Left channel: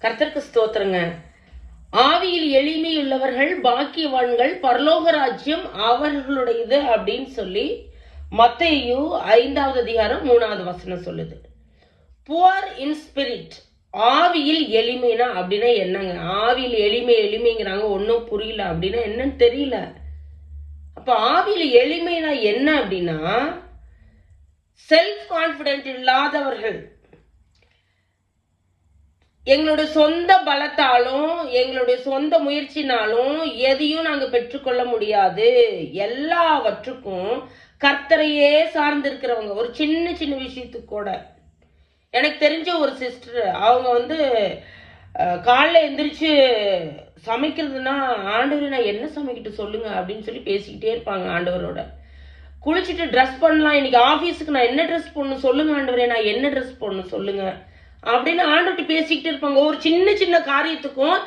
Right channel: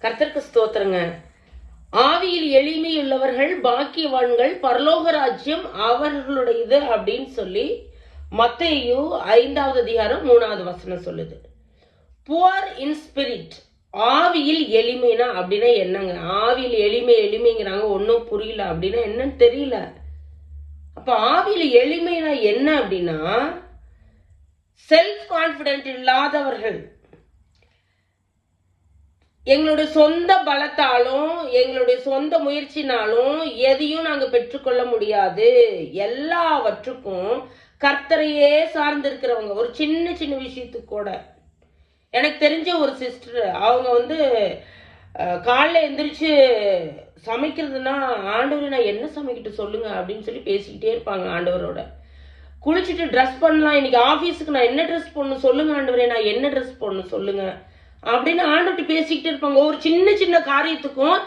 கர்த்தருக்கு ஸ்தோத்திரங்க. ஆவியில் எளிமையுள்ளவர்கள் பாக்கியவான்கள் பரலோக ராஜ்யம் அவர்களுடையது அப்படின்னு சொல்லி மத்தையு ஐந்தாவது அதிகாரம் மூணாவது வசனம் சொல்லுது. புவர் இன் ஸ்பிரிட் ஆவியில் எளிமைனா அப்படின்னா என்னங்க? ஆவியில் எளிமை எளிமைங்கிறாங்க ஒன்றும் புரியல அப்படின்னா என்னன்னு தெரியல. அப்போ ஆவியில் எளிமைனா என்ன அப்படின்னா செல்ஃப் கான்ஃபிடென்ட் இல்லாதவர்கள் எங்களுடைய சொந்த பலத்தாலும் எங்களுடைய சொந்த முயற்சினாலும் எதையும் நாங்கள் பெற்றுக்கொள்ள முடியாது. எல்லாவற்றுக்கும் கர்த்தரையே சார்ந்திருக்கிறவங்க ஒரு சின்ன சின்ன விஷயத்துக்கு கூட. எனக்கு தெரிஞ்ச ஒரு சிஸ்டர் அவங்க வந்து காலைல எந்திரிச்சு சமைக்கிறதுனா ஆண்டவர் நான் என்ன சமைக்கிட்டு சொல்லுங்க? அப்படின்னு சொல்லி பேசிக்கிட்டே இருப்பாங்க ஆண்டவரோட. குளிச்சுட்டு ட்ரெஸ் பண்ணலாம். இன்னைக்கு ஆஃபீஸுக்கு நான் என்ன ட்ரெஸ் போடணும் சொல்லுங்க ஆண்டவரே நான் என்ன ட்ரெஸ் போடணும் சொல்லுங்க. அப்படின்னு ஆண்டவர்கிட்ட பேசிக்கிட்டு இருப்பாங்க. ஒரு சின்ன சின்ன காரியத்துக்கும்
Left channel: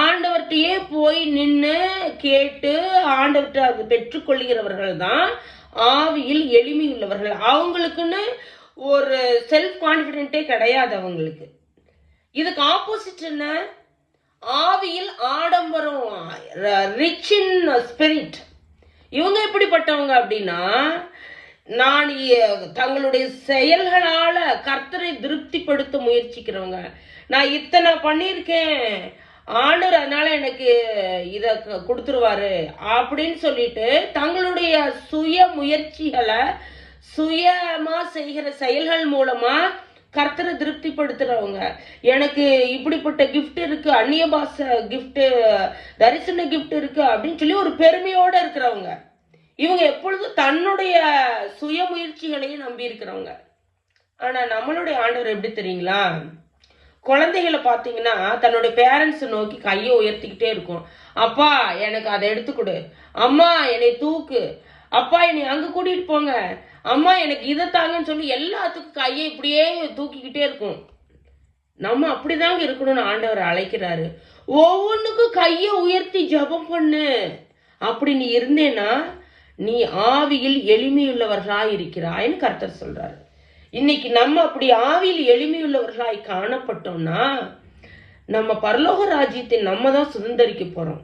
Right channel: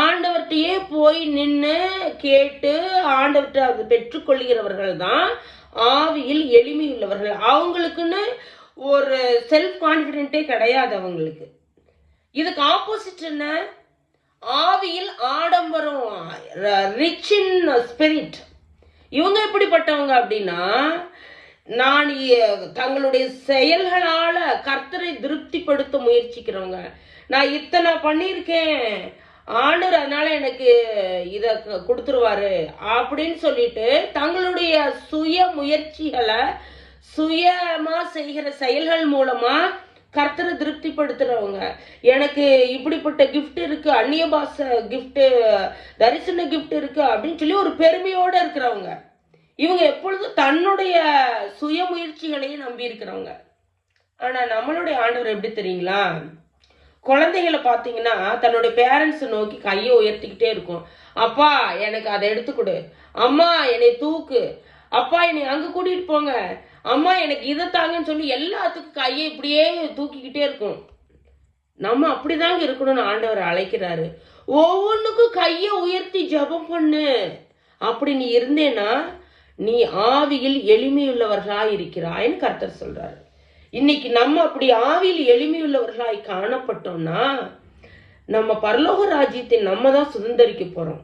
ஆண்டவர்கிட்டயே போய் நின்று கேட்டு ஆண்டவர்கிட்ட அது பெற்றுக்கொள்கிறவர்கள் தான் ஆவியில் எளிமை உள்ளவர்கள். அவங்களுக்குன்னு ஒரு செல்ஃப் கான்ஃபிடென்ட்டே கிடையாது அவங்களுக்கு. இதுக்கு ஆப்போசிட் என்ன? ஆவியில் ஆடம்பரம் ரிச் இன் ஸ்பிரிட் இவங்க எப்படிப்பட்டவங்க அப்படின்னா நான் இ- தங்களுடைய செயல்களால கர்த்தரை திருப்திப்படுத்த முயற்சிக்கிறவங்க. நான் இத்தனை பண்ணியிருக்கேன். ஆண்டவர் அதனால எனக்கு இதை கொடுத்துருவாரு அப்படின்னு சொல்லிட்டு தங்களுடைய சுய முயற்சிகளை சுயமா செய்கிற செயல்கள் மூலமா கர்த்தரை திருப்திப்படுத்துறவங்க. எனக்கு இப்படிப்பட்ட கிஃப்ட் இருக்கு அந்நிய பாச கிஃப்ட் தரிசன கிஃப்ட் இருக்கு அப்படின்னு சொல்லி ஒரு பெருமையோட இருக்கிறவங்க. இவங்க எப்பொழுதும் தன்னுடைய சுய முயற்சிகளையும் நம்பி இருக்கிறவங்க ஆனா நம்மளுடைய ஆண்டவர் எப்படி தெரியுங்களா? குழந்தைகளை பார்த்தீங்கன்னா தன்னோட பேரண்ட்ஸை நோக்கி கையை உயர்த்திக்கிட்டே இருக்கும். அப்பா எனக்கு அதை எடுத்து கொடு. அம்மா என்னை தூக்கு. அப்பா என்னை அங்கே கூட்டிகிட்டு போங்க. அம்மா எனக்கு இதை தாங்கன்னு சொல்லி எல்லாத்துக்கும் கையை இப்படியே தூக்கிக்கிட்டே இருக்கும். நம்ம அப்படிதாங்க இருக்கணும்னு ஆண்டவர் அழைக்கிறாரு. ஒவ்வொன்றுக்கும் கையை உயர்த்தி ஜெபம் பண்ணு. அப்படி நீ இருந்தேன்னா நீ ஆவியில் எளிமையுள்ளவர்களாய் இருக்கிறாய்ன்னு கர்த்தர் சொல்றாரு. இன்னைக்கு நம்ம அப்படி ஆவியில் எளிமையுள்ளவர்களாய் காணப்பட்டோம்னா நம்ம பரலோக ராஜ்யத்தை நம்ம தான் சுதந்திரிக்க போறோம்.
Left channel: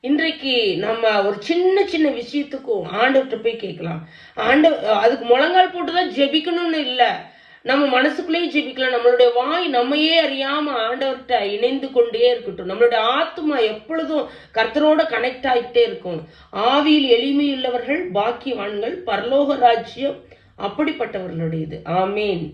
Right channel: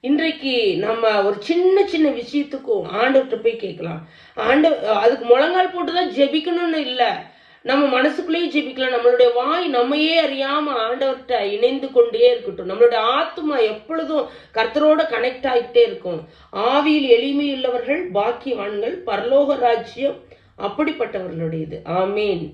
இன்றைக்கு நம்ம ஒரு சின்ன சின்ன விஷயத்துக்கும் ஆண்டவர்கிட்ட போய் கேட்கலாம். ஆண்ட அதுக்கு முழங்கால் போட்டு தான் ஜெபிக்கணும்னு இல்லை. நம்ம மனசுக்குள்ளேயே ஜீவிக்கலாம். நம்மளுடைய வாய் நம்மையே அறியாம ஆண்டவர்கிட்ட இணைந்து கொண்டே இருக்கட்டும். நம்மளுடைய ஆத்மா எப்பொழுதும் கர்த்தரோட கனெக்ட் ஆகிட்டே இருக்கும். ஆவியில் எளிமையுள்ளவர்கள் பாக்கியவான்கள் பரலோக ராஜ்யம் அப்படிப்பட்டவர்களுடையது. ஆமீன்.